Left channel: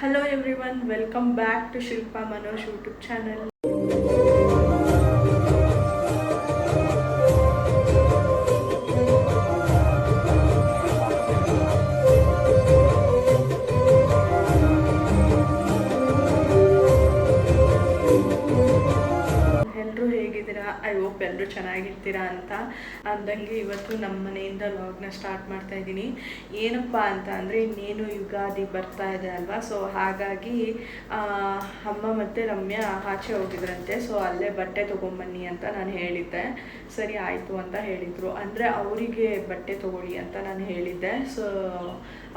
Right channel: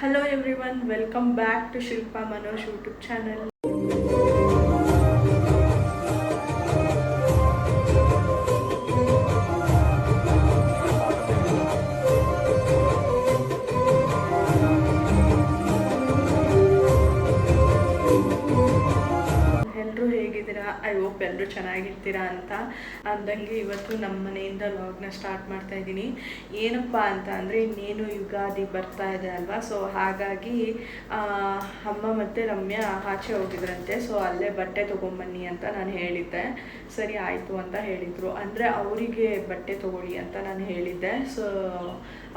Hello every welcome back to Shilpa Manoj YouTube channel ಎಲ್ಲರೂ ಹೇಗಿದ್ದೀರಾ? I hope ಎಲ್ಲರೂ ಚೆನ್ನಾಗಿರ್ತೀರಾ ಅಂತ. ಅಂದಂಗೆ ಇವತ್ತು ನಮ್ಮ ಮನೆಯಿಂದ ಲಾಗ್ನ ಸ್ಟಾರ್ಟ್ ಮಾಡ್ತಾ ಇದ್ದೀನಿ. ಏನಪ್ಪ ಅಂತ ಅಂದರೆ, ಇನ್ನೇನು ಯುಗಾದಿ ಬರ್ತಾ ಇದೆ ಅಲ್ವಾ? ಸೊ ಹಾಗಾಗಿ ಅಮ್ಮ ಮತ್ತು ರಮ್ಯಾ ಆಚೆ ಹೋಗಿದ್ರಂತೆ. ಸೊ ಅಲ್ಲೇ ಬಟ್ಟೆ ತೊಗೊಂಬನ್ನಿ ಅಂತ ನಾನು ಹೇಳಿದ್ದೆ. ಸರಿ, ಆಯಿತು ಅಂತ ಹೇಳಿದರು. ಅಂದರೆ, ಅವರಿಗೆ ಬಟ್ಟೆ ತೊಗೊಳ್ಳಿ ಅಂತ ನಾನು ಹೇಳಿದ್ದೆ. ಸೊ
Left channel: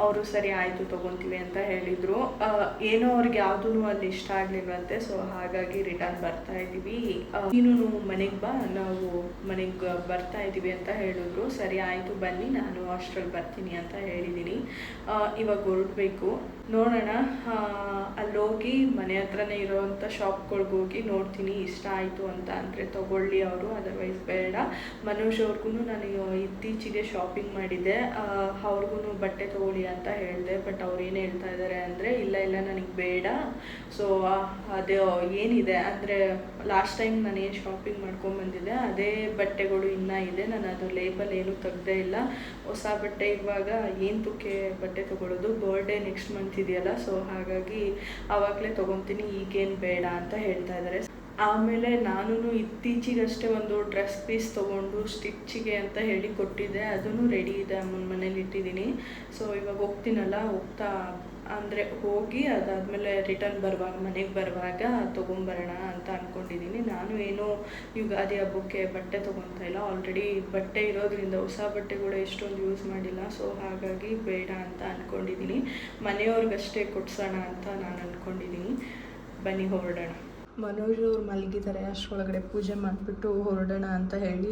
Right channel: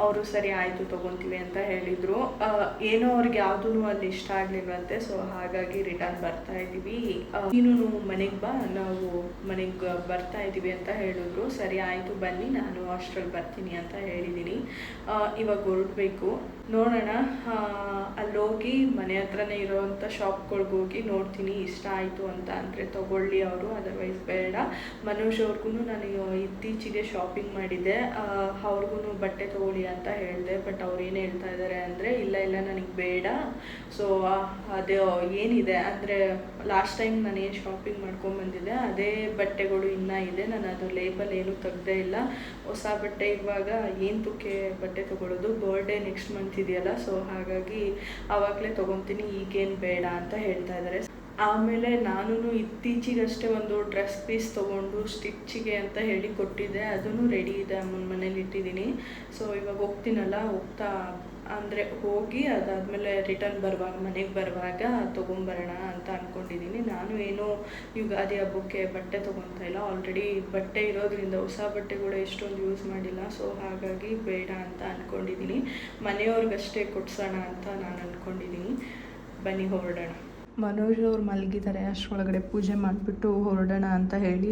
ಅವರು ಸರಿ, ಆಯಿತು, ತೊಗೊತೀವಿ ಅಂತ ಹೇಳಿದರು. ಏನೋ ಅವ್ರಿಗೆ ಯಾವುದೂ ಅಲ್ಲಿ ಇಷ್ಟ ಆಗಲಿಲ್ವಂತೆ. ಸೊ ಹಾಗಾಗಿ ರಿಟರ್ನ್ ಬರ್ತಾ ಇದ್ದೀವಿ ನೀನು ಮನೆಗೆ ಬಾ. ನಾವು ಮನೆಗೆ ಬರ್ತಾ ಇದ್ದೀವಿ ಅಂತ ಹೇಳಿದ್ರು. ಸರಿ, ಆಯಿತು, ಬನ್ನಿ, ನಾನು ಹಾಸ್ಟೆಲ್ ಬರ್ತೀನಿ ಅಂತ ಹೇಳಿದ್ದೀನಿ ಇವಾಗ ಹೊರಡಬೇಕು. ನೋಡೋಣ ಅಲ್ಲೋಗಿ ಮನೆ ಹತ್ರನೇ ಇರೋವಂಥ ಶಾಪ್ಗಳ್ಗೆ ಹೋಗಿ ನೋಡ್ತೀನಿ, ಇಷ್ಟ ಆಯಿತು ಅಂತ ಅಂದರೆ ತಗೊಳ್ಳಿ ಅವರು ಅದರ್ವೈಸ್ ಬೇಡ. ಮನೋಜ್ ಅವ್ರಿಗೂ ನಾನು ಇತ್ತೀಚೆಗೆ ಶಾಪಿಂಗ್ ಮಾಡಿದ್ದೆ. ಅವ್ರಿಗೂ ಬಟ್ಟೆ ತಗೊಳ್ಳಿ ಅಂತ ಹೇಳಿದೆ ಬಟ್ ಅವ್ರು ಏನು ಹೇಳ್ತಾ ಇದ್ದಾರೆ ಅಂದರೆ, ಇಲ್ಲ ಇಲ್ಲ, ನನಗೆ ಬೇಡ. ಸೊ ಅದೇ, ಏನಿದೆ ಅಂದರೆ ಲಾಸ್ಟ್ ಟೈಮ್ ನಾನು ಏನು ಶಾಪಿಂಗ್ ಮಾಡ್ಕೊಂಬಂದಿದ್ದೆ ಅದೇ ಬಟ್ಟೆಗಳು ಇನ್ನೂ ಇದೆ ನಾನು ಅದು ಲೇಬಲ್ ಏನು ತೆಗ್ದೇ ಇಲ್ಲ. ಹೊಸ ಬಟ್ಟೆ ಇವಾಗ ಏನು ತುಕ್ಕೆ ಬಟ್ಟೆ ತೊಗೊಳೋದು? ಬರ್ಡೇ ನೆಕ್ಸ್ಟ್ ಮಂತ್ ಇದೆಯಲ್ಲ ಸೊ ಹಾಗಾಗಿ ಆವಾಗಲೇ ತೊಗೊತೀನಿ, ಈಗೇನು ಬೇಡ ಅಂತ ಹೇಳ್ತಾ ಇದ್ದಾರೆ. ಆಮೇಲೆ ನಾನು ಇತ್ತೀಚಿಗಷ್ಟೇ ಒಂದು ಡ್ರೆಸ್ ಪೀಸ್ ತೊಗೊಂಡು ಸ್ಟಿಚ್ಚಿಗೆ ಅಂತ ಹೇಳಿ ಕೊಟ್ಟಿದ್ದೆ ಅದನ್ನು ರೆಡಿ ಇದೆ ಅಮ್ಮನ ಮನೇಲಿ ಇಟ್ಟಿದ್ದೀನಿ. ಸೊ ಇವಾಗ ಹೋಗ್ತೀನಲ್ಲ, ಹೋಗ್ತಾ ಅಂದರೆ ಹೋಗಿ ಅದಾದಮೇಲೆ ರಿಟರ್ನ್ ಬರುವಾಗ, ಮನೆಗೆ ಬರುವಾಗ ತೊಗೊಂಬರೋಣ ಅಂತ ಅಂದ್ಕೊಂಡಿದ್ದೀನಿ ನಾನು ಏನು ಯುಗಾದಿ ಹಬ್ಬಕ್ಕೆ ಬಟ್ಟೆ ತೊಗೊತಾ ಇಲ್ಲ. ಆಲ್ರೆಡಿ ಬಟ್ಟೆ ಇರೋದ್ರಿಂದ ಹೊಸ ಬಟ್ಟೆಗಳು ಎಷ್ಟೊಂದು ಯೂಸ್ ಮಾಡಿಲ್ಲ. ಸೊ ಹಾಗಾಗಿ ಬೇಡ ಅಂತ ಅಂದ್ಕೊಂಡಿದ್ದೀನಿ ಮನೆಯವ್ರಿಗಷ್ಟೇ ಕೊಡ್ಸೋಣ ಅಂತ ನಾನು ಅಂದ್ಕೊಂಡಿದ್ದೀನಿ ಬನ್ನಿ ಹೊರಡೋಣ. ಮನೋಜ್ ಅವ್ರು ಮಲಗಿದ್ದಾರೆ, ಅಷ್ಟರೊಳಗಡೆ ಪೂಜೆ ಮಾಡಿಬಿಟ್ಟು ಹೊರಡೋಣ ಅಂತ ಹೇಳಿ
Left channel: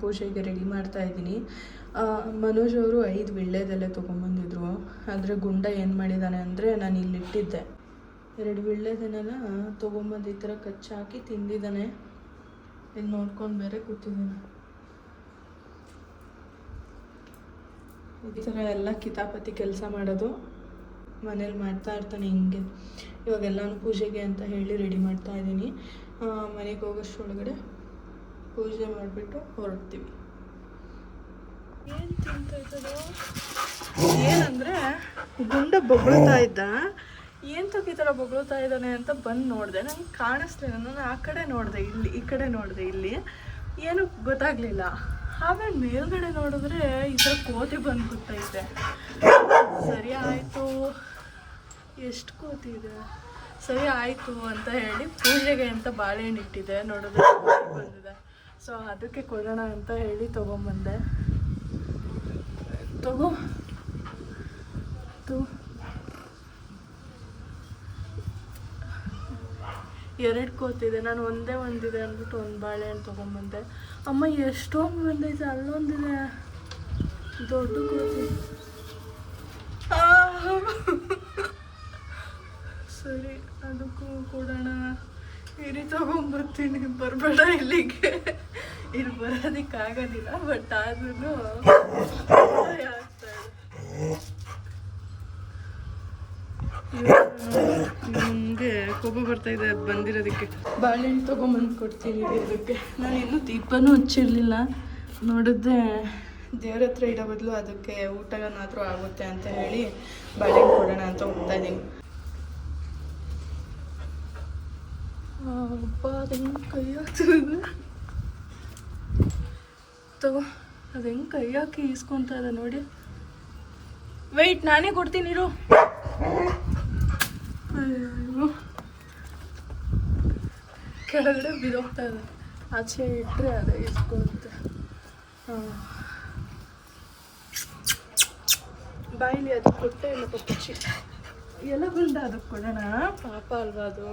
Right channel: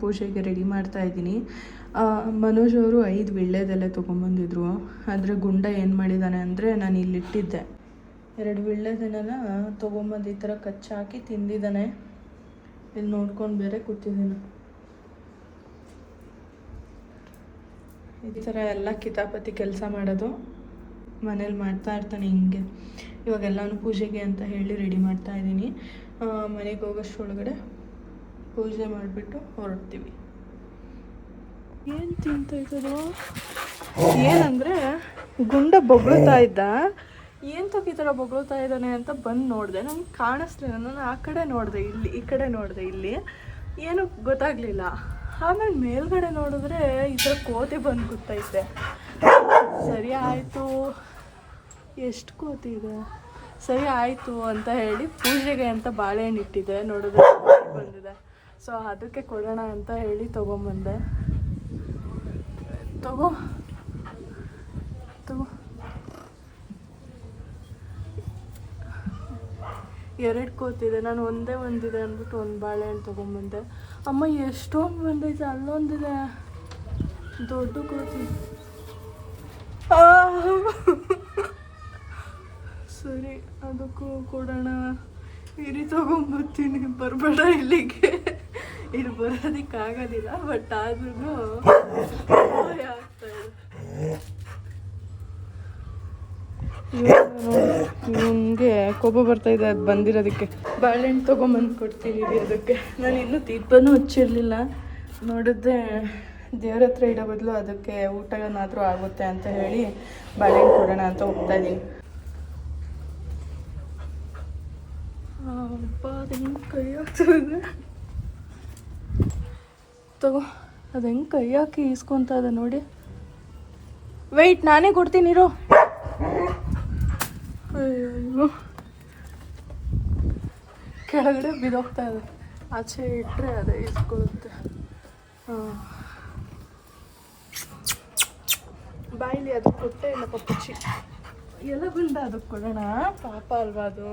ಪೂಜೆಗೆ ರೆಡಿ ಮಾಡ್ತಾ ಇದ್ದೀನಿ. ಮನೋಜ್ ಅವರು ಐದು ವಿಳ್ಳೆದೆಲೆ ತೊಗೊಂಬಂದಿದ್ರು ಆದರೆ ಗುಂಡ ಏನು ಮಾಡಿದ್ದಾನೆ ಅಂದರೆ ನಾನು ಇಲ್ಲಿಟ್ಟಿದ್ದೆ. ಎರಡು ವಿಳ್ಳೆದೆಲೆನ ತೊಗೊಂಬಂದು ಈ ಥರ ಕಚ್ಚಾಕಿ ತಿಂದಿದ್ದಾನೆ. ಇಲ್ಲಿ ನೋಡ್ಕೊಂಡು ಬೇರೆ ಕೂತಿದ್ದೀನಿ. ಈ ಥರ ಎಲ್ಲ ಕಿತಾಪತಿ ಕೆಲಸ ಮಾಡೋದು ಮನೇಲಿ ಮಾಡ್ತಾ ಇರ್ತಾನೆ ಹಿಂಗೆ. ಇವಾಗೆಲ್ಲನೂ ಪೂಜೆಗೆ ಅಂತ ಹೇಳಿ ರೆಡಿ ಮಾಡ್ತಾ ಇದ್ದೀನಿ. ಮನೆಗೆ ಹೋಗೋಷ್ಟ್ರೊಳಗಡೆ ಪೂಜೆ ಮಾಡಿಬಿಟ್ಟು ಹೊರಡ್ತೀವಿ. ಏನು ತಿಂತ ಏನಂದರೆ ಗುಂಡ ಬೊಗಳ್ತಾ ಇದ್ದ. ಏನು ತಕ್ಕ ಈ ಥರ ಬೊಗಳ್ತಾ ಇದ್ದಾನೆ ಅಂತ ಬಂದು ನೋಡಿದೆ. ನನಗೆ ಕಾಣಿಸ್ಲಿಲ್ಲ. ನಾನು ಆ ಕಡೆ ನೋಡಿದೆ ಇಲ್ಲಿ ಈ ಕಡೆ ನೋಡಿದೆ ಇಲ್ಲಿ. ಏನು ಗೊತ್ತಾಗಲಿಲ್ಲ. ಆಮೇಲೆ ಮೇಲ್ಗಡೆ ನೋಡಿದ್ರೆ ಈ ಥರ ಕೋತಿ ಬಂದು ಗೊತ್ತೈತೆ ಸರಿ ಆಯಿತು. ಎಷ್ಟು ಕೋತಿ ಇದೆ ಸರಿ ಆಯಿತು ಅಂತ ಹೇಳಿ ಪೂಜೆಗೆ ಅಂತ ಬಾಳೆಹಣ್ಣು ಇಟ್ಟಿದ್ದೆ ನೋಡಿದ್ರೆ ಬಂದಿದೆ. ಸೊ ಅದಕ್ಕೆ ಕೊಡೋಣ ಅಂತ ಹೇಳಿ ತೊಗೊಂಬಂದೆ. ತಗೋ. ತು ಎರಡು ಕೋತಿದೆ ನಾನು ಒಂದೇ ಒಂದಿದೆ ಅಂದ್ಬಿಟ್ಟು ಒಂದು ಬಾಳೆಹಣ್ಣು ತೊಗೊಂಬಂದೆ. ಅಮ್ಮ ಎಷ್ಟೊಂದು ಬಂದೈತೆ, ಅಲ್ಲೊಂದಿದೆ. ದೊಡ್ಡ ಕೋತಿ ಆ! ಸರಿ, ಅದಕ್ಕೂ ಕೊಡೋಣ ಇರಿ ತಗೊಂಬರ್ತೀನಿ. ಬರಬೇಡ ಇಲ್ಲಿಗೆ. ಇಲ್ಲಿ ಬರೋದಕ್ಕಾಗೋದಿಲ್ಲ ಬಟ್ ಆದ್ರೂ. ನಿಮಗೆ ಕೋಪ ಬರ್ತಾ ಇದೆ, ಅದು ಬಂದಿರೋದಕ್ಕೆ. ಬಾಳೆಹಣ್ಣು ತೊಗೊಂಬಂದು ಕೊಡ್ತೀನಿ ಅದಕ್ಕೆ. ನಾನು ಇನ್ನೂ ದೀಪನೂ ಹಚ್ಚಿರಲಿಲ್ಲ. ನೋಡಿದ್ರೆ ದೇವ್ರ ಹತ್ರ ಇಡೋ ಬದಲು ಅದಕ್ಕೆ ಊಟನಾದರೂ ಆಗುತ್ತೆ ಅಂತ ಹೇಳಿ ಬಾಳೆಹಣ್ಣು ಕೊಡೋಣ ಅಂತ ಹೋಗ್ತಾ ಇದ್ದೀನಿ. ಅದು ಹೆಂಗೆ ಕೈ ಹಾಕ್ತದೆ ತಗೋ, ಅದು ಹೆಂಗೆ ಕೈ ಹಾಕಿ ಈಸ್ಕೊಂತ ಇದೆ ನೋಡಿ. ವೆಯ್ಟ್ ನಾನೇ ಕೊಡ್ತೀನಿ, ಇರೋ. ಕೆಳಗಡೆ ಬಿದೋಗ್ತಾ ಇದೆ. ಆಚೆ ಇಟ್ಟರೆ ಅದೇ ಇಸ್ಕೊಳ್ಳುತ್ತೆ ಬಾಯಿ ಬಾಯಿಲಿ ಅದು ಕೊಟ್ಟೆ ಇಲ್ಲ ಪಪ್ಪಚ್ಚಿ? ಎಲ್ಲ ಬಂದ ಅದಕ್ಕೆ ಕೊಡೋಣ? ಪಾಪ ಅಲ್ವಾ ಅದು?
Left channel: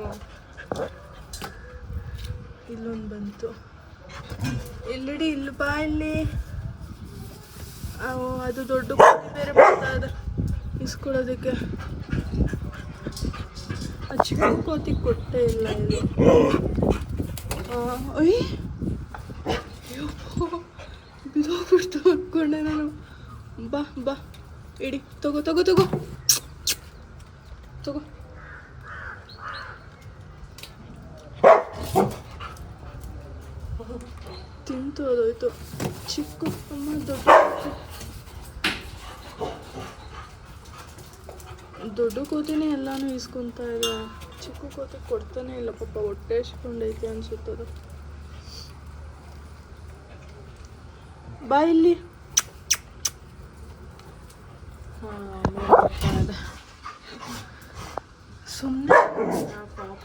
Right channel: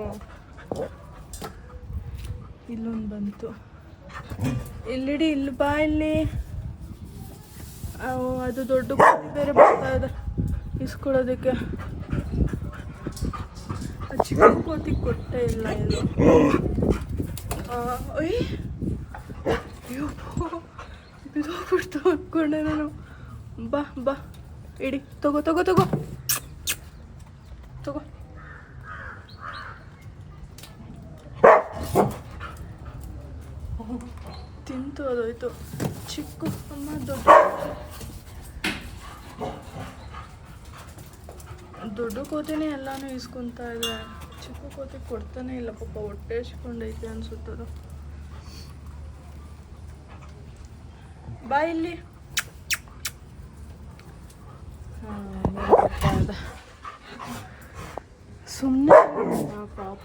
ಇಲ್ಲೊಂದು ಬಂತು. ಇಲ್ಲಿಡಿ, ಇಲ್ಲಿ ಬಾ ಇಲ್ಲಿ. ಅದು ದೊಡ್ಡ ಬೇರೆ ಬರ್ತಾ ಇಸ್ಕೊಳ್ಳೋದಕ್ಕೆ. ಚಿಕ್ಕ ಕೋತಿ ಕೊಟ್ಟೇ ಇಲ್ಲ ಇದು. ಅಯ್ಯೋ. ಬಿದೋಗ್ಬಿಡ್ತು ಅಂದ್ಕೊಂಡೆ ನಾನು. ಬಾ ಬಾ. ಇಡಿ, ತಗೋ ತಗೋ ತಗೋ ತಗೋ ತಿಂತು ಅದೋಯ್ತು ಚಿಕ್ಕ ಅಮ್ಮ ದೊಡ್ಡ. ಕೋತಿನೇ ಎಲ್ಲಾನು ಇಸ್ಕೊಂತ ಇದೆ. ಚಿಕ್ಕ ಕೋತಿ ಕೊಡ್ತಾನೆ ಇಲ್ಲ ಪಾಪ, ಹೊಟ್ಟೆ ಹಚ್ಕೊಂಡೈತೆ ಅನ್ಸುತ್ತದು. ಬಾ ಇಲ್ಲಿ. ಸುಮ್ಮನೆ ಪಾಪ,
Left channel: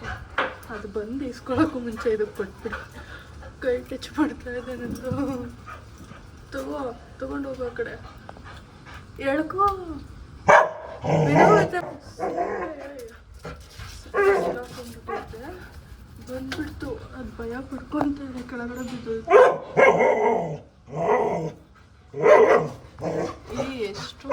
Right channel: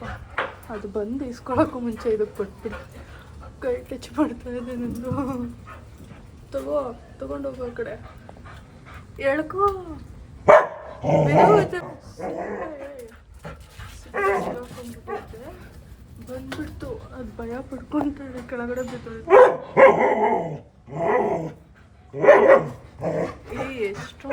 ಅದು ಬಂದು ಇಸ್ಕೊಳಕ್ಕೂ ಮುಂಚೆ ಇದಕ್ಕೆ ಕೊಟ್ಬಿಡು. ಕೈ ಕೆಚ್ಚು ಮಾಡ್ತಾ ಇದೆ ತಗೋ ತಗೊಂಡು ಹೋಗೋ ಕಡೆ. ಎಳ್ಕೋ. ಬಂದ್ಬಿಡ್ತು. ಅದು ಭಯ ಪಡ್ಕೊಂತ ಕೆಳಗಡೆ ಬಿದ್ದೋಯ್ತು ಎಷ್ಟು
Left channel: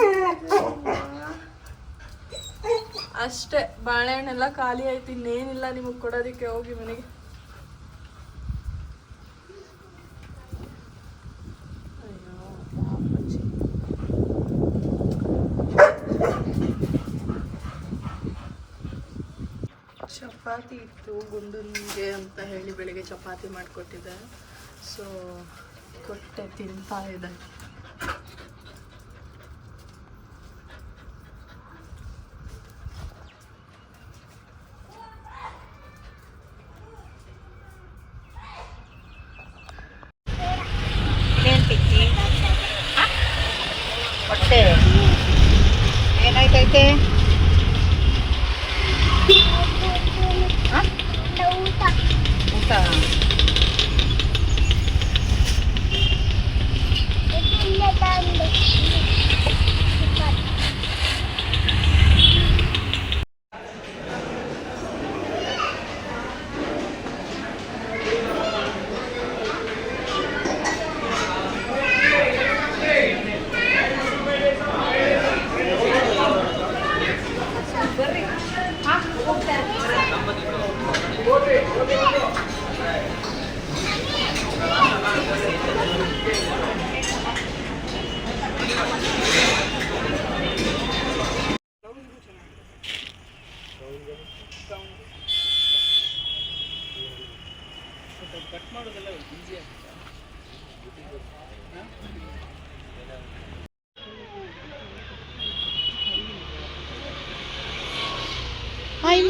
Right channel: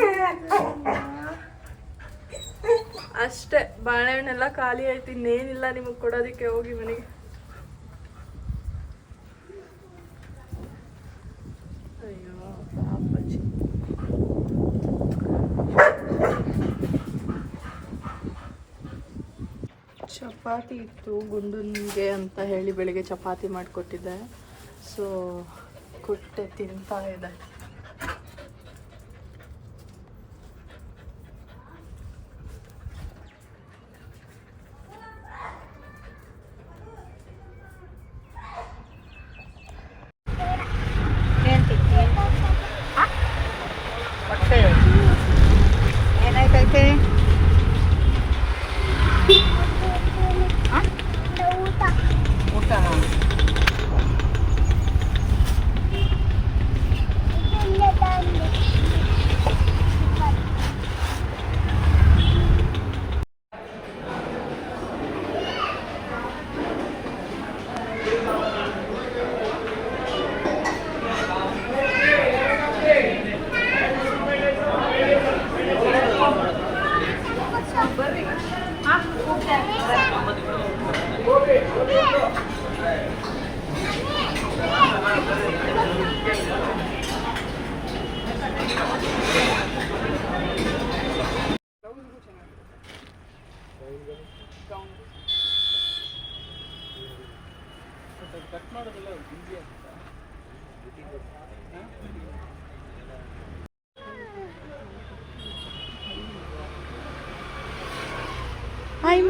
ಅಷ್ಟೇ ಬಾಳೆಹಣ್ಣೆಲ್ಲ ಖಾಲಿ ಆಯ್ತು ಇನ್ನೇನಿಲ್ಲ ನಿಮಗೆ ಕೊಡೋದಕ್ಕೆ ಹೋಗಿ ಮನೆಗೆ ಅಯ್ಯೋ ಪಾಪಚ್ಚಿ. ಚಪಾತಿ ಇತ್ತು ಗುಂಡನ್ಗೆ ಅಂತ ಹೇಳಿ ಬೆಳಿಗ್ಗೆ ಚಪಾತಿ ಮಾಡಿಕೊಟ್ಟಿದ್ದೆ. ಸೊ ಕೊಟ್ಟೆ ತಿಂತಾ ಇದೆ ಏನ್ ತಿಂತಿ ಹೊಟ್ಟೆ ಏನಾಯ್ತೈತೆ ಆ? ಊಟ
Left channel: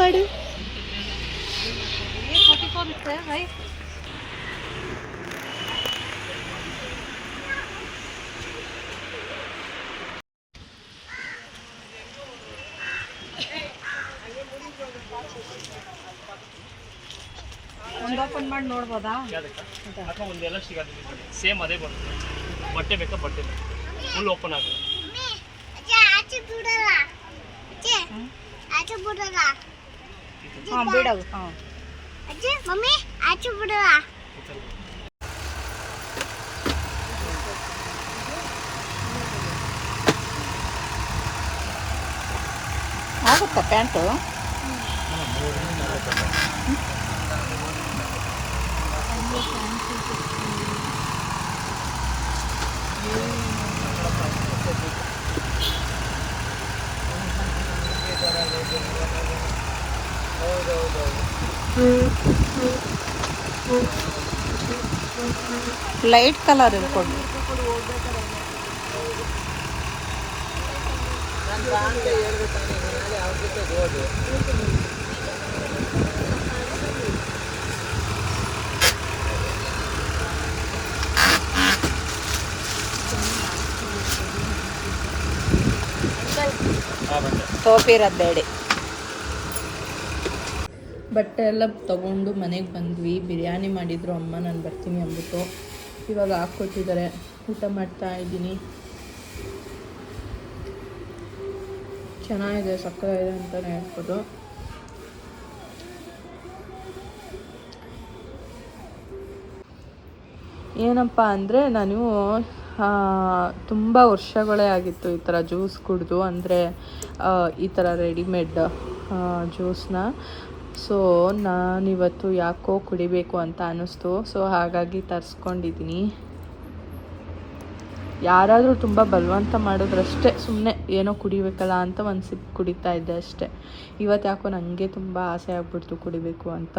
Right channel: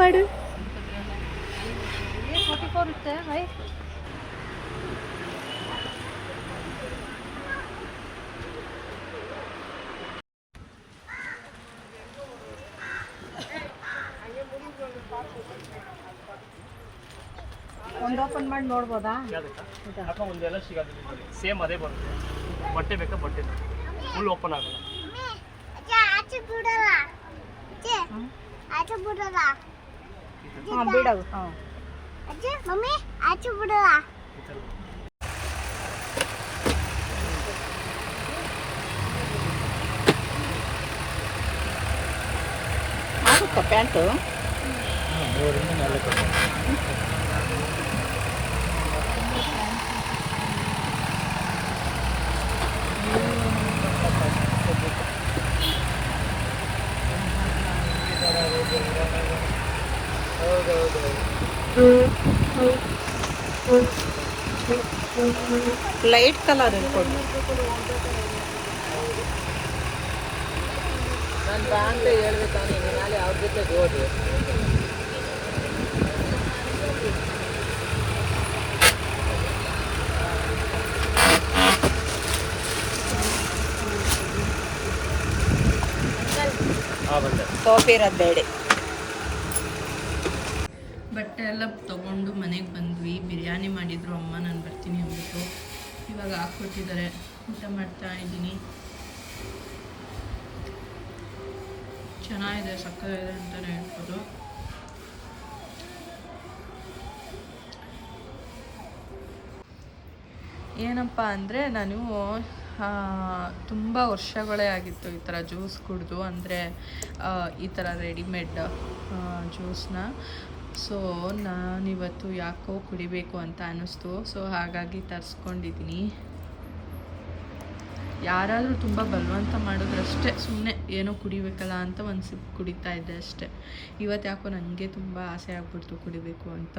ಮಾಡು. ಒಂದು ಓಪನ್ ಮಾಡಿ ನೋಡ್ಬೋದಾ? ಒಂದೆಲ್ಲ ಸಿಗೋದಿಲ್ಲ ಸೇಮ್ ಅದೇ ಬರುತ್ತೆ. ಬಟ್ಟೆ ಬೇಕಾ ಬಟ್ಟೆ ಬೇಕು? ಫುಲ್ ಓಪನ್ ಆಗಲ್ಲ. ಹಾಂ ಬಿಡೋದು ಹಾಂ ಮಮ್ಮಿ ಆಚೆ ಬಿಡುವ ಈ ಥರ ಆಗುತ್ತಾ ಪ್ಯಾಂಟು ಲೈಟ್ ಕಲರ್ ಇರ್ಕೊಂಡು ಸೋಪ್ ಇರೋದು ಬೇಡ. ಬಟ್ಟೆ ಎಲ್ಲ ತಗೊಂಡು ಮನೆಗೆ ಬಂದ್ವಿ. ಬಿರಿಯಾನಿ ಮಾಡಿದ್ರು. ಅಮ್ಮ, ನಾನು ಬರ್ತೀನಿ ಅಂದ್ಬಿಟ್ಟು ಇವಾಗ ಹಾಕ್ಕೊಟ್ಟಿದ್ದಾರೆ. ಊಟ ಮಾಡ್ತಾ ಇದ್ದೀನಿ. ಚೆನ್ನಾಗಿದೆ ಸಕ್ಕರೆ ಇದೆ ಅಂತಲೇ ಹೇಳ್ಬೋದು. ಏನಪ್ಪ ಅಂದರೆ ನಾನು ತುಂಬ ವರ್ಷಗಳೇ ಆಗಿತ್ತು ಈ ಥರ ಜ್ಯೂಸ್ ಕುಡಿದು. ಅಂದರೆ ಈ ಥರ ರೆಡಿಮೇಡ್ ಜ್ಯೂಸ್ನ. ಸೊ ನಾನಿವತ್ತು ಯಾಕೋ ಕುಡಿಬೇಕು ಅಂತ ಅನ್ನಿಸ್ತು. ಸೊ ಹಾಗಾಗಿ ತರಿಸ್ಕೊಂಡಿದ್ದೀನಿ ಯಾರಾದರೂ ತುಂಬ ಬಲವಂತ ಮಾಡಿದ್ರಷ್ಟೇ ಸುಮ್ಮನೆ ಏನೋ ಕುಡಿಬೇಕಲ್ಲ ಅಂತ ಒಂದು ಸಿಪ್ ಕುಡಿತಾ ಇದ್ದೆ ಅಷ್ಟೇ. ಇವತ್ತು ಯಾಕೋ ನನಗೆ ತುಂಬ ಆಸೆ ಆಗ್ಬಿಡ್ತು ಕುಡಿಬೇಕು ಅಂತ.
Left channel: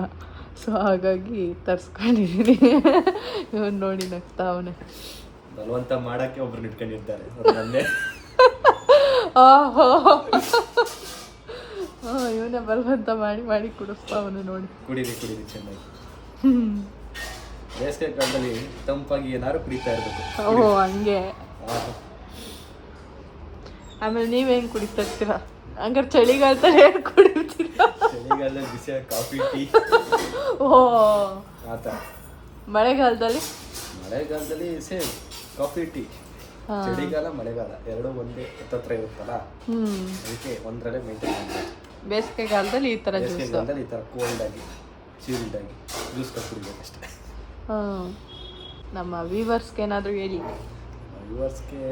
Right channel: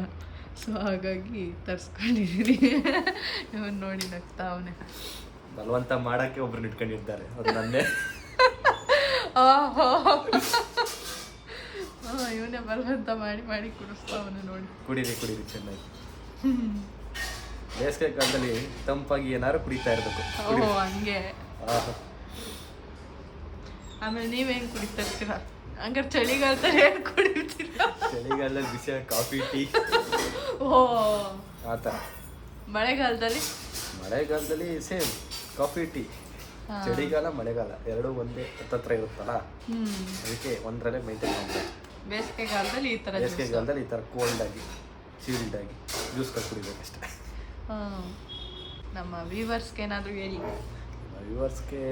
ಸೊ ಹಾಗಾಗಿ ತರಿಸ್ಕೊಂಡಿದ್ದೀನಿ ಇವನು ನೋಡಿ ನಗ್ತಾ ಅವನೇ ಬಲವಂತ ಮಾಡೋಕ್ಕೆ ಒಬ್ರು ಇಟ್ಕೊಂಡಿದ್ದಾರೆ ಇವನೇ ಬಲವಂತ ಮಾಡಿ ಮಾಡಿ ಕುಡಿಸ್ತಾ ಅವನು ನೋಡಿ. ಕುಡೀರಿ ಕುಡೀರಿ ಚೆನ್ನಾಗಿ. ಬೇಸಿಗೆ ಕಾಲದಲ್ಲಿ ತಂಪಾಗಿ ಏನಾದ್ರು ಕುಡಿತಾ ಇರಬೇಕು. ಓಹೋ ಹಂಗೆ. ಆಮೇಲೆ ನೀವೇನು ಕುಡಿತಾ ಇರ್ತೀರಾ? ಹಂಗಾರೆ ಚಳಿಗಾಲದಲ್ಲಿ ಏನು ಕುಡಿತೀರಾ? ಚಳಿಗಾಲದಲ್ಲಿ ಬಿಸಿ ಕಾಫಿ ಟೀ. ಓ ಆ ಥರ. ಮಳೆಗಾಲದಲ್ಲಿ? ಮಳೆಗಾಲದಲ್ಲಿ ಸೇಮ್ ಕಾಫಿ ಟೀ. ಚಳಿಗಾಲ ಮಳೆಗಾಲ ಎರಡು ಒಂದೇ ಹತ್ತತ್ರ ಇರುತ್ತಲ್ಲ? ಅದಕ್ಕೆ ಒಂದರಲ್ಲೇ ಮೇಂಟೈನ್ ಮಾಡಬೇಕು. ಬೇಸಿಗೆಗಾಲದಲ್ಲಿ ಈ ಥರ ಜ್ಯೂಸ್ ಬೇಸಿಗೆಗಾಲದಲ್ಲಿ ಈ ಥರ ಕೋಲ್ಡ್ ಆಗಿ ಚೀಲ್ಡ್ ಆಗಿ ಜ್ಯೂಸ್ ಕುಡಿಬೇಕಷ್ಟೇ ಹ್ಮ್. ನಮ್ಮ ವ್ಯೂವರ್ಸ್ಗೆ ಏನಾದರೂ ಹೇಳಿ. ವ್ಯೂವರ್ಸ್ಗೆ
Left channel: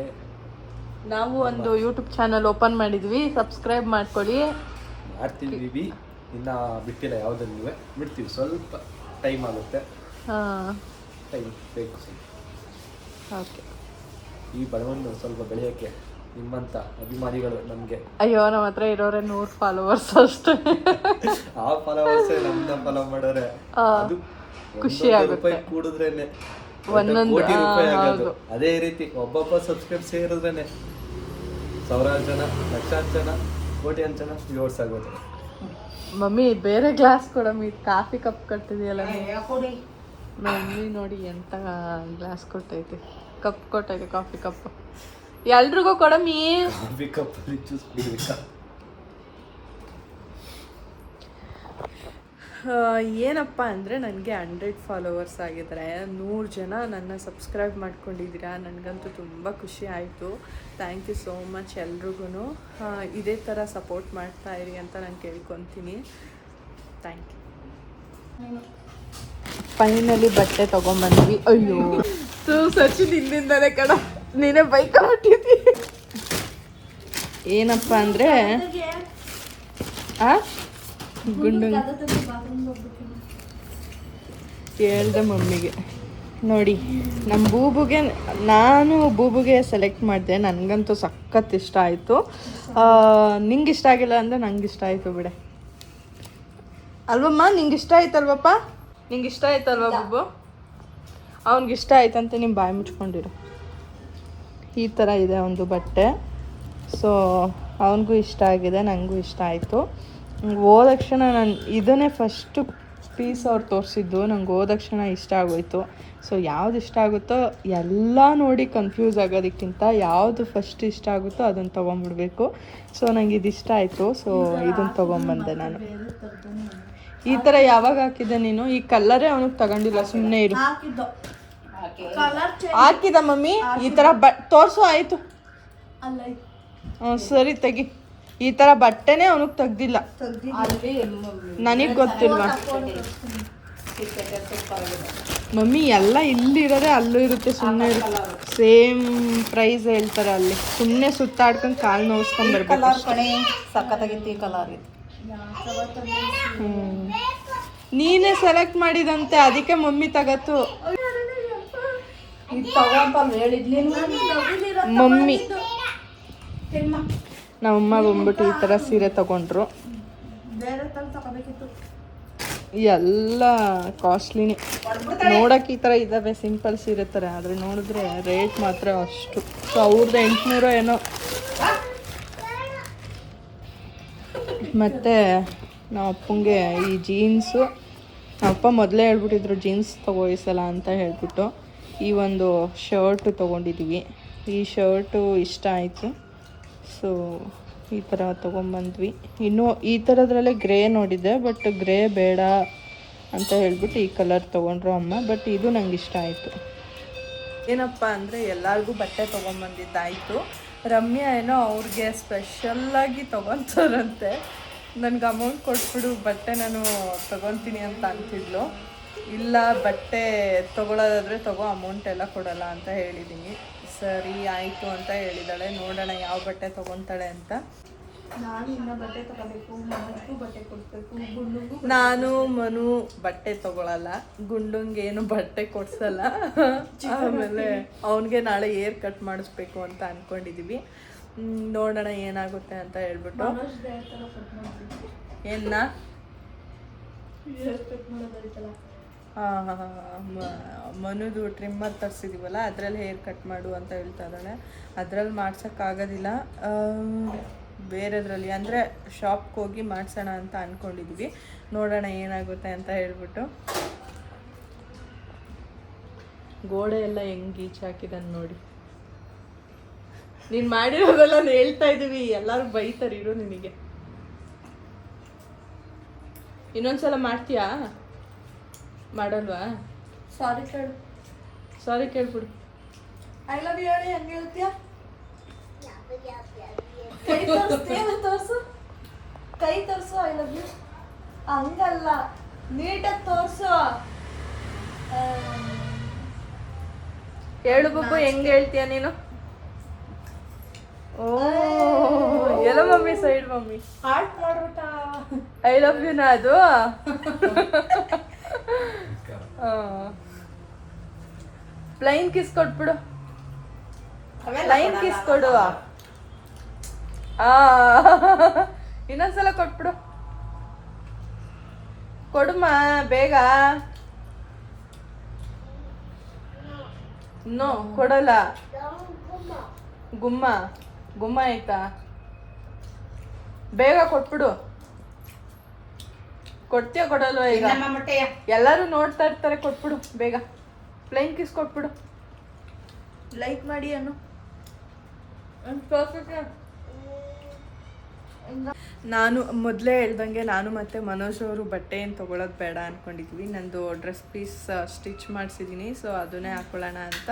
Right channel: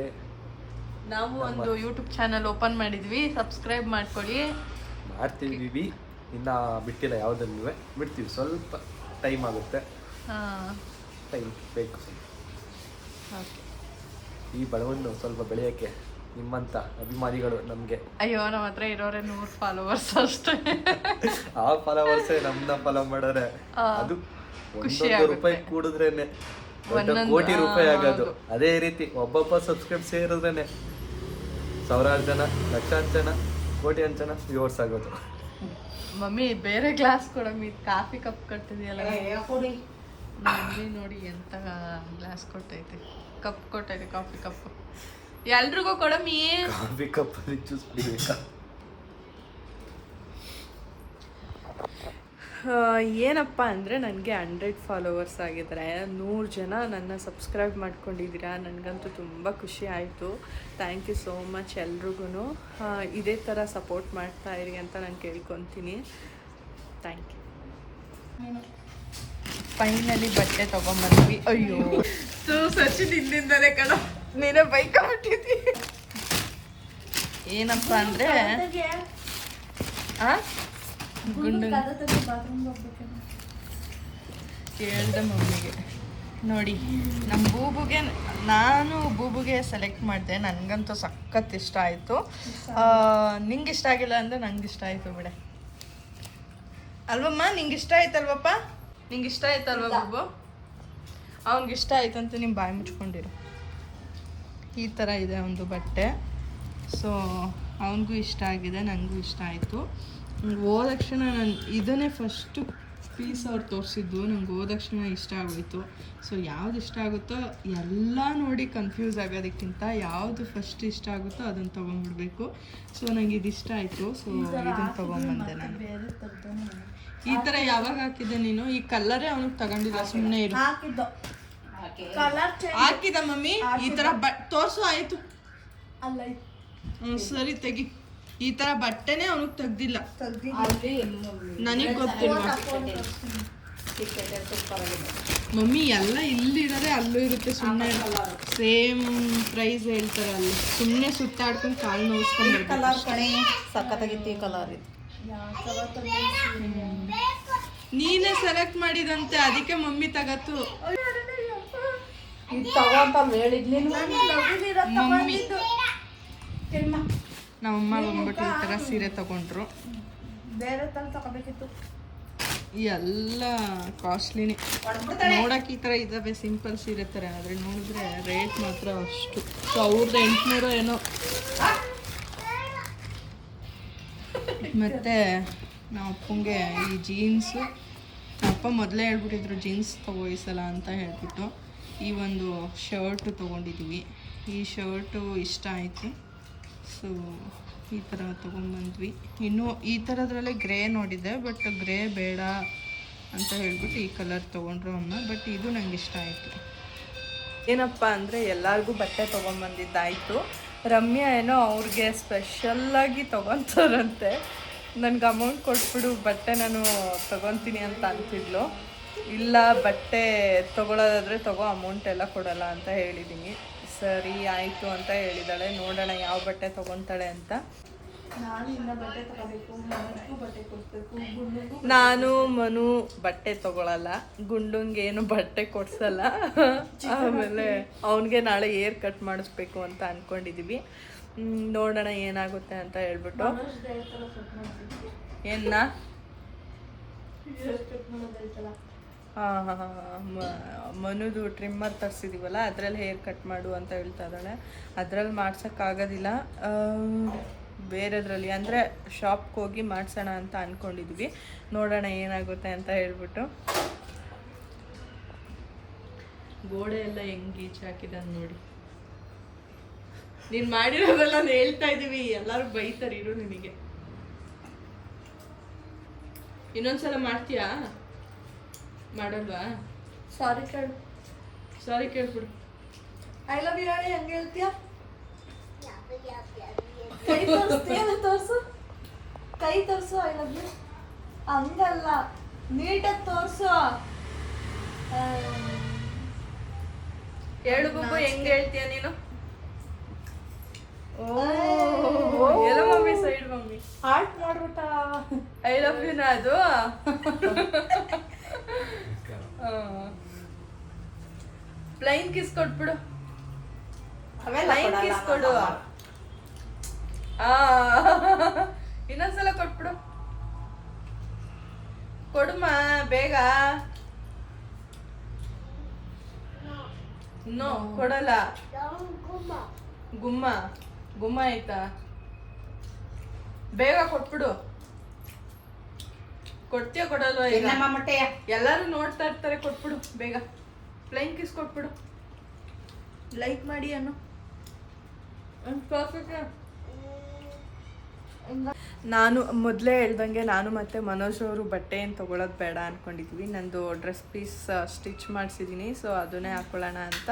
ನಾವು ಒಂದು ಯೂಟ್ಯೂಬ್ ಚಾನಲ್ ಓಪನ್ ಮಾಡಿದ್ವಿ. ಸಬ್ಸ್ಕ್ರೈಬ್ ಮಾಡ್ಕೊಳ್ಳಿ. ಮಾಡ್ತಿದ್ದೀವಿ ಇನ್ನು ಬಿಟ್ಟಿಲ್ಲ ಯಾವುದನ್ನು ಬಿಡ್ತೀವಿ. ಸ್ವಲ್ಪ ಟೈಮ್ ಆಗುತ್ತೆ. ಹಾಂ. ಟೈಮ್ ಬೇಕು ಸ್ವಲ್ಪ. ಓಕೆ ಈ ಬಲವನ್ನು ಸ್ವಲ್ಪ ಬೆಳೆಯೋಕ್ಕೆ ನಿಮ್ಮಂಥ ಅಭಿಮಾನಿಗಳು ನಮಗೆ. ಅಯ್ಯೋ ನಮ್ಮ ಹತ್ರ ಇರೋರೆ ನೂರು ಫಾಲೋವರ್ಸ್ ಅಷ್ಟೇ. ಆ ಫಾಲೋವರ್ಸ್ ನಮ್ನ ಫಾಲೋ ಮಾಡೋರೆ ಅದು ಖುಷಿ. ರೂಪಾಯಿ ಕೂಡಿದ್ರೇನೆ ಒಂದು ಕೋಟಿ ರೂಪಾಯಿ ಆಗೋದು. ಅದೇ ರೀತಿ ಒಬ್ಬೊಬ್ಬ ಸಬ್ಸ್ಕ್ರೈಬ್ ಸೇರಿದ್ರೇನೆ ಸಾವಿರಾರು ಜನ ಲಕ್ಷಾಂತರ ಜನ ಕೋಟಿ ಅಂತ ಜನ ವ್ಯೂವರ್ಸ್ ಆಗೋದು. ಮಮ್ಮಿ ಬೇರೆ ಗ್ಲಾಸ್ ಕೊಡಮ್ಮಿ ಕಾಫಿ ಕಪ್ ಕಟ್ಟಿದೆಯಲ್ಲ ಕೊಡಿ? ಮಮ್ಮಿ ನೋಡಿ ಎಂತ ಗ್ಲಾಸ್ ಕೊಟ್ಟೈತೆ ಕಪ್ ಕೊಟ್ಟೈತೆ ಕಾಫಿ ಕಪ್ ಎಲ್ರಿಗೂ ಕೊಡಮಿ ಕಾಫಿ ಕಪ್ಪಲ್ಲಿ ಜ್ಯೂಸ್ ಕುಡಿಬೇಕಾ? ಆ, ಏನಪ್ಪ ಅಂದರೆ ನನಗೆ ಹಂಡ್ರೆಡ್ ಫಾಲೋವರ್ಸ್ ಆಗಿದ್ದಾರೆ ನೂರು ಜನ ನನ್ನ ಸಬ್ಸ್ಕ್ರೈಬ್ ಮಾಡ್ಕೊಂಡಿದ್ದೀರಾ. ನನಗಂತೂ ತುಂಬ ಖುಷಿ ಆಯಿತು. ಥ್ಯಾಂಕ್ ಯು ಸೋ ಮಚ್ ಎಲ್ರಿಗೂ ಇದೇ ಥರ ಸಪೋರ್ಟ್ ಮಾಡ್ತಾ ಇರಿ ಅಂತ ನಾನು ಕೇಳ್ಕೊತೀನಿ. ಥ್ಯಾಂಕ್ ಯು ಫೈನಲಿ ಬಟ್ಟೆ ತೊಗೊಂಬಂದ್ವಿ. ಅಯ್ಯೋ. ಸೊ ಸಚಿನ್ ಇಲ್ಲಿಂದಲೇ ಕಡ ನೀನೇ ಬೈಕ್ ಬಿಟ್ಟಿದ್ದಿ ಏನಪ್ಪ ಅಂದ್ರೆ, ಆ? ಗುಂಡು ಕೇಳ್ದೆ ಮಮ್ಮಿಗೆ. ನೋಡಿ ನಮ್ಮ ಬೂಬುಗೆ, ನಾನು ಬೂಬುಗೆ ಸೆಲೆಕ್ಟ್ ಮಾಡಿದೆ. ನನಗಂತೂ ಸಖತ್ ಇಷ್ಟ ಆಯಿತು. ನಿಂಗೆ ಇಷ್ಟ ಆಗಿಲ್ಲ ಅಂದರೆ ನಂಗೆ ಇಷ್ಟ ಆಯಿತು ಬಿಡೆ. ಅಲ್ವಮ್ಮ ನಿಂಗೆ ಇಷ್ಟ ಆಯ್ತಲ್ವಪ್ಪ? ನಿಂಗೆ ಇಷ್ಟ ಆಯ್ತಲ್ವ ಬೂಬು? ಅವ್ನಿಗೆ ಇಷ್ಟ ಆಯ್ತಂತ ನಿಮ್ಮ ಬಾಯಿ ಮುಚ್ಕೊಂಡಿರು. ಈ ಥರ ಇದೆ ಒಂದು ಬಟ್ಟೆ. ಸೊ ಅವನಿಗೂ ಇಷ್ಟ ಆಗಿದೆ ನನಗೂ ಇಷ್ಟ ಆಯಿತು. ಹೋದ ತಕ್ಷಣ ನಾನು ಇದನ್ನೇ ಫಸ್ಟು ಪೀಸ್ ಅವ್ರು ತೋರಿಸಿದ್ದು, ನಂಗೆ ಹೋದ ತಕ್ಷಣ ಇಷ್ಟ ಆಗೋಯ್ತು. ಸೊ ಯಾವ್ದು ಇಷ್ಟ ಆಗುತ್ತೋ ಎಲ್ಲ ನೋಡಿ ಕನ್ಫ್ಯೂಸ್ ಆಗೋದಕ್ಕಿಂತ ಯಾವುದು ಫಸ್ಟ್ ಇಷ್ಟ ಆಗುತ್ತೋ ಅದನ್ನು ತೊಗೊಂಬಿಡ್ಬೇಕು. ಸೊ ನಂಗೆ ಇದು ಇಷ್ಟ ಆಯಿತು. ಸೊ ಇದನ್ನು ತೊಗೊಂಬಂದೆ ನಾನು. ಈ ಥರ ಯಾವಾಗ ಹಾಕಿದ್ದೆ ನೀನು? ಈ ಕಲ್ಲರೇ ಅವನಿಗೆ ತಗೊಂಡಿಲ್ಲ ಸುಮ್ಮನೆ ಇರು. ಹಾಕಿದ ಮಮ್ಮಿ? ಈ ಥರ ಬಟ್ ತೋರಿಸು ಆಯಿತು. ಹ್ಞೂ ಸರಿ ತೆಗಿ. ಈ ಥರ ಬಟ್ಟೆನೇ ಅವನಿಗೆ ತೆಗ್ದಿಲ್ಲ. ನನಗೆ ಗೊತ್ತಿಲ್ವಾ? ಮಮ್ಮಿ ಎಲ್ಲ ಇಲ್ಲಿರೋದೇ ಅಲ್ಲೂ ಇರುತ್ತೆ ಸುಮ್ಮನೆ ಸೇಮ್ ಪ್ರೈಸ್ ಹೇಳ್ತಾರೆ ಅಲ್ಲಿ. ಸುಮ್ಮನೆ ಸುತ್ತಾಡ್ಕೊಂಡು ಕಾಲು ನೋವಿಸ್ಕೊಂಡು ಬರ್ಬೇಕು ನೀನೇ ಸೆಲೆಕ್ಟ್ ಮಾಡಿದಂತೆ ಅದಕ್ಕೆ ಮಮ್ಮಿ ತಗತ್ತು. ಇದು ಹೇಳಿದ್ಲಿ. ಮಮ್ಮಿ ನಮ್ಮಮ್ಮ ಬಂದ್ಬಿಟ್ಟು ಈ ಥರ ಸೀರೆ ತಗೊಂಡ್ರು. ಎಲ್ಲ ಕಾಸ್ಟ್ಲಿನೇ. ನೋಡೋಕೆ ಈ ಥರ ಇದ್ದಾವೆ ಸಿಂಪಲ್ ಸೀರೆ ಥರ ಆದರೆ ನೋಡಿದ್ರೆ ರೇಟ್ ಮಾತ್ರ ಅಷ್ಟು. ಸಾವಿರದ ಎಂಟುನೂರು ಏನೋ. ಮತ್ತು ನಮ್ಮ ಅಪ್ಪಂಗೆ ಈ ಜೀನ್ಸು. ನಮ್ಮ ಅಪ್ಪ ಮೊದಲೇ ಹೇಳ್ಬಿಟ್ಟಿದ್ರು ಜೀನ್ಸ್ ತಗೋಯಿಸಲ್ಲ ಅಂತ ಹೇಳ್ಬಿಟ್ಟು. ಈ ಒಂದು ಶರ್ಟು ತೊಗೊಂಡಿದ್ದೀವಿ. ಈ ಶರ್ಟು ಇಷ್ಟ ಆಯಿತು. ಸೊ ಈ ಥರ ತೊಗೊಂಬಂದ್ವಿ. ಇನ್ನೂ ಈ ಥರದ್ರಲ್ಲೇ ಗ್ರೇ ನೋಡಿದ್ದೆ ಬಟ್ ಗ್ರೇ ಬೇಡ ಅಂತ ಹೇಳ್ಬಿಟ್ಟು ಈ ಕಲರ್ ತೊಗೊಂಡ್ರು ಅಮ್ಮ ಬಟ್ ಇದು ನಂಗೆ ಇಷ್ಟ ಆಯಿತು. ಏನಪ್ಪ ಅಂದರೆ ಎಲ್ಲರಿಗೂ ಬಟ್ಟೆ ತೊಗೊಂಬಂದಿದ್ದಾಯಿತು. ರಮ್ಯಾ ಏನೋ ಅವ್ರಿಗೆ ಸ್ಪೆಷಲ್ಲಾಗಿ ತೊಗೊತಾರಂತೆ. ನನಗೆ ಅಮೌಂಟ್ ಕೊಟ್ಬಿಡು ಬಟ್ಟೆ ನಾನು ತೊಗೊತೀನಿ ಅಂತ ಅಂತಿದ್ಲು. ಇಲ್ಲ ಬಟ್ಟೆ ತೊಗೊಳೋದಾದರೆ ತಗೋ ಅಮೌಂಟ್ ಎಲ್ಲ ಕೊಡಲ್ಲ ಅಂತ ಹೇಳಿದ್ದೀನಿ ಸರಿ ಆಯಿತು ಅಂತ ಹೇಳಿದಾಳೆ. ನೋಡೋಣ ಯಾವ ಬಟ್ಟೆ ತೊಗೊತಾಳೆ ಅಂತ. ನಾನು ಮನು ಬಟ್ಟೆ ತಗೊಳಲ್ಲ ಗುಂಡುಂಗೆ ಏನು ಬಟ್ಟೆ ಕೊಡ್ಸಲ್ಲ. ಆಮೇಲೆ ಅವನಿಗೆ ನಾಳೆ ಏರ್ ಕಟ್ ಮಾಡಿಸ್ಬೇಕು ಅಂತ ಅನ್ಕೊಂಡಿದೀವಿ. ನೋಡೋಣ ಏನಾಗುತ್ತೆ ಅಂತ ಹೇಳ್ಬಿಟ್ಟು. ಏನ್ನ? ಹಾಂ ಮನುದು ಟ್ರಿಮ್ಮರ್ ತರಿಸಿದೀವಲ್ಲ ಅದರಲ್ಲಿ ಹೇರ್ ಕಟ್ ಮಾಡು ಅಂತ ಹೇಳ್ತಾ ಇದ್ದಾಳೆ. ಅದ್ರಲ್ಲಿ ಮಾಡ್ಸೋಕ್ಕಾಗೋದಿಲ್ಲ. ಬೇರೆದ್ರಲ್ಲಿ ಅಂದರೆ ಶಾಪ್ಗೆ ಹೋಗಿ ಮಾಡ್ಸೋಣ ಅಂತ ಅಂದ್ಕೊಂಡಿದ್ವಿ ನೋಡೋಣ ಏನಾಗುತ್ತೆ ಅಂತ ಹೇಳ್ಬಿಟ್ಟು. ಗೋಡೆ ಎಲ್ಲ ಹೆಂಗೆ ನೋಡಿ. ನೀನು ಮಾಡಿರೋದೆಲ್ಲ ಹೇಳ್ತಾ ಇದ್ದೀವಿ. ಎಲ್ಲರೂ ಬೈತಾರೆ, ಇರು ನಿನಗೆ. ಇನ್ನೊಂದ್ಸಲ ಮಾಡ್ತೀಯಾ? ಮಾಡಲ್ವಾ? ಸಾರಿ ಕೇಳು. ಸಾರಿ ಕೇಳ್ಬಿಡು. ಐ ಲವ್ ಯು ಹೇಳಿ ಹೆಂಗೆ ಹೇಳ್ತೀಯಾ? ಕೈ ತೋರಿಸ್ತೀಯ ತೋರ್ಸು? ಕೈ ತೋರ್ಸು ಐ ಲವ್ ಯು ಹಂಗಲ್ಲ ನೀಟಾಗಿ ತೋರ್ಸು. ಹೇಳು ಬಬ್ಬು ಹೆಂಗ್ ಹೇಳ್ತೀಯ ನೀನು? ಓ ಎಲ್ಲ ಮಮ್ಮಿ ಸೈಡ್ ಮಮ್ಮಿ. ಹಾರ್ಟ್ ಮಾಡ್ಬಿಟ್ಟ. ಐ ಲವ್ ಯುನ ಅದು? ಪ್ಲೈನ್ ಕಿಸ್ ಕೊಟ್ಬಿಡು ಪ್ಲೈನ್ ಕಿಸ್ ಕೊಡು. ಆ. ಇನ್ನೊಂದ್ಸಲ ಕೊಟ್ಬಿಡು ಕೊಡುಮ ಬೇಗ. ನೋ ಕೊಡಲ್ಲ. ಗುಮ್ಮ. ಗುಮ್ಮ ಆಯ್ತಾ? ಬೇಗ ಕೊಟ್ಬಿಡು ಕೊಡ್ತೀಯ ಕೊಡಲ್ವಾ ಈಗ? ಎಲ್ಲರೂ ನೋಡ್ತಾ ಇರ್ತಾರೆ ಕೊಟ್ಬಿಡು ಬೇಗ. ಪ್ಲೈನ್ ಕಿಸ್ ಕೊಟ್ಬಿಡು. ಲೈಕ್ ಮಾಡಿ ಅನ್ನು. ನಾನು ಮೊದಲೇ ಹೇಳ್ದಂಗೆ ನಾನು ಮತ್ತು ಮನೋಜ್ ಅವರು ಬಟ್ಟೆ ಏನು ತೊಗೊಳೋದು ಬೇಡ ಅಂದ್ಕೊಂಡಿದ್ವಿ ನಂದು ಡ್ರೆಸ್ ಪೀಸ್ ಸ್ಟಿಚ್ ಮಾಡಿಸಿದ್ದೀನಿ ಸೊ ಅದನ್ನೇ ಹಾಕ್ಕೊಳ್ಳೋಣ ಅಂತ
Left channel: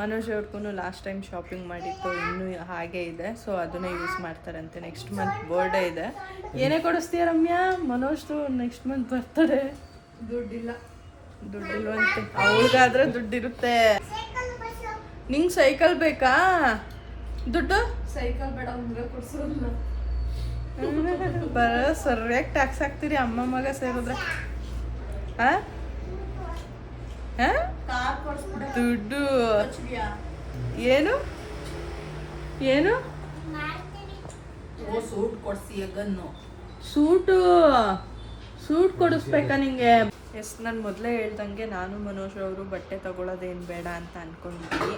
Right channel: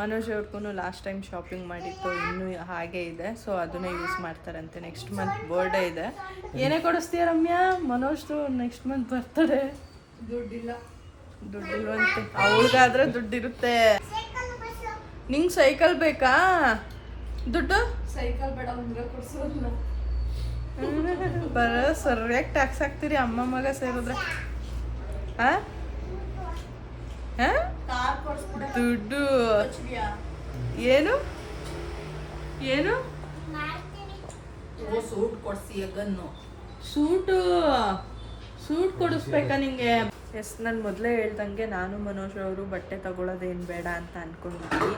ಮನೋಜ್ ಅವ್ರಿಗೂ ಲಾಸ್ಟ್ ಟೈಮ್ ಶಾಪಿಂಗ್ ಮಾಡಿತ್ತು ಇನ್ನೂ ಹಾಗೆ ಇದೆ. ಸೊ ಅದನ್ನೇ ಯೂಸ್ ಮಾಡ್ತಾರಂತೆ. ನೆಕ್ಸ್ಟ್ ಮಂತ್ ಬರ್ಡೇ ಇದೆ. ಏನೇ ಕೊಡಿಸ್ತೀಯ ರಮ್ಯಾ? ಮನೋಜ್ದು ನೆಕ್ಸ್ಟ್ ಮಂತ್ ಬರ್ತಾರೆ ದುಡ್ಡಿಲ್ಲ. ದುಡ್ಡಿಲ್ವಂತೆ. ಅವ್ರಿಗಾದ್ರೆ ದುಡ್ಡಿರುತ್ತೆ. ನಿಂಗೆ ಸೈಕಲ್ ಬೇಕಾ? ದುಡ್ಡು? ಸೈಕಲ್ ಬೇಡ ಉಂಗ್ರ ಕೊಡ್ಸೋಲ್ಲ ಬರ ಸರಿಯಾಗಿ ಟ್ಯಾಕ್ಸ್ ಹಾಕ್ತೀರಿ ಅಮ್ಮ ಮಗ ಸೇರಿದ್ರೆ. ದುಡ್ಡು. ಏನು? ಏನು? ಸೂಟ್ ಕೊಡಿಸಿ ಸೂಟು. ಸೂಟ್ ಕೊಡಿಸ್ಬೇಕಾ ನಿಂಗೆ? ಎಸ್, ನಾನು ಮೊದಲೇ ಹೇಳ್ದಂಗೆ ನಾನು ಮನೋಜ್ ಅವರು ಬಟ್ಟೆ ತಗೊಳ್ಳೋದೇನು ಬೇಡ ಅಂತ ಅಂದ್ಕೊಂಡಿದ್ವಿ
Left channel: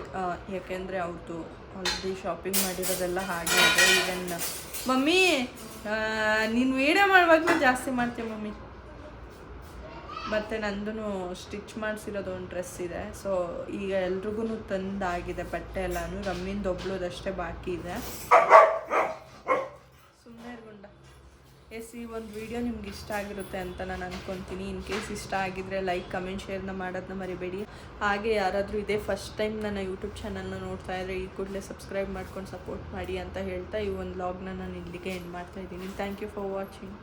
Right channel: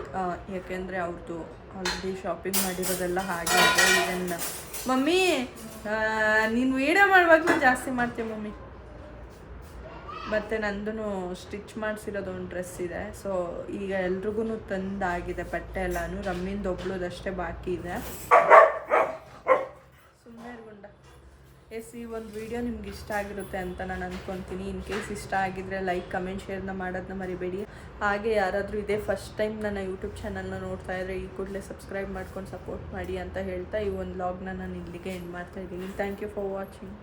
ಯಾಕೆಂದರೆ ಅವ್ರದ್ದು ಆಲ್ರೆಡಿ ಶಾಪಿಂಗ್ ಮಾಡಿರೋದೆಲ್ಲ ಹಾಗೆ ಇದೆ. ಈವನ್ ಮಮ್ಮಿ ನೀನು ವೀಡಿಯೋ ಮಾಡುವಾಗಲೂ ಜಾಸ್ತಿ ಮಾಡ್ತೀಯ ಮಮ್ಮಿ? ಮತ್ತು ನಂದು ಸ್ಟಿಚ್ ಮಾಡಿಸಿರೋದು ಒಂದು ಡ್ರೆಸ್ ಇದೆ. ಸೊ ಈಗ ಎಲ್ರಿಗೂ ತಂದಾಗಿದೆ ಬಟ್ಟೆ ಎಲ್ಲನೂ. ರಮ್ಮಿಂದ ಒಬ್ಳದಷ್ಟೇ ಬಾಕಿ ಇದೆ ಸುಮ್ಮನೆ ಗುಂಡ ಎಸ್, ಈ ಒಂದು ವಿಡಿಯೋ ನಿಮ್ಗೆ ಇಷ್ಟ ಆಗಿರುತ್ತೆ ಅಂತ ನಾನು ಅಂದ್ಕೊತೀನಿ ಇನ್ ಕೇಸ್ ಇಷ್ಟ ಆಗಿದ್ರೆ ಲೈಕ್ ಕಮೆಂಟ್ ಶೇರ್ನ ಮಾಡೋದನ್ನ ಮರಿಬೇಡಿ. ಹಾಗೆ ಯಾರಾದರೂ ಇದೇ ಫಸ್ಟ್ ಟೈಮ್ ನನ್ನ ಯೂಟ್ಯೂಬ್ ಚಾನಲ್ನ ನೋಡ್ತಾ ಇದ್ರೆ, ಈ ಕೂಡಲೇ ಸಬ್ಸ್ಕ್ರೈಬ್ ಮಾಡ್ಕೊಂಡು ಸಪೋರ್ಟ್ ಮಾಡಿ ಅಂತ ಹೇಳ್ತಾ ಈ ಒಂದು ಲಾಗ್ನ ನಾನು ಇಲ್ಲಿಗೆ ಎಂಡ್ ಮಾಡ್ತಾ ಇದ್ದೀನಿ. Thank you for watching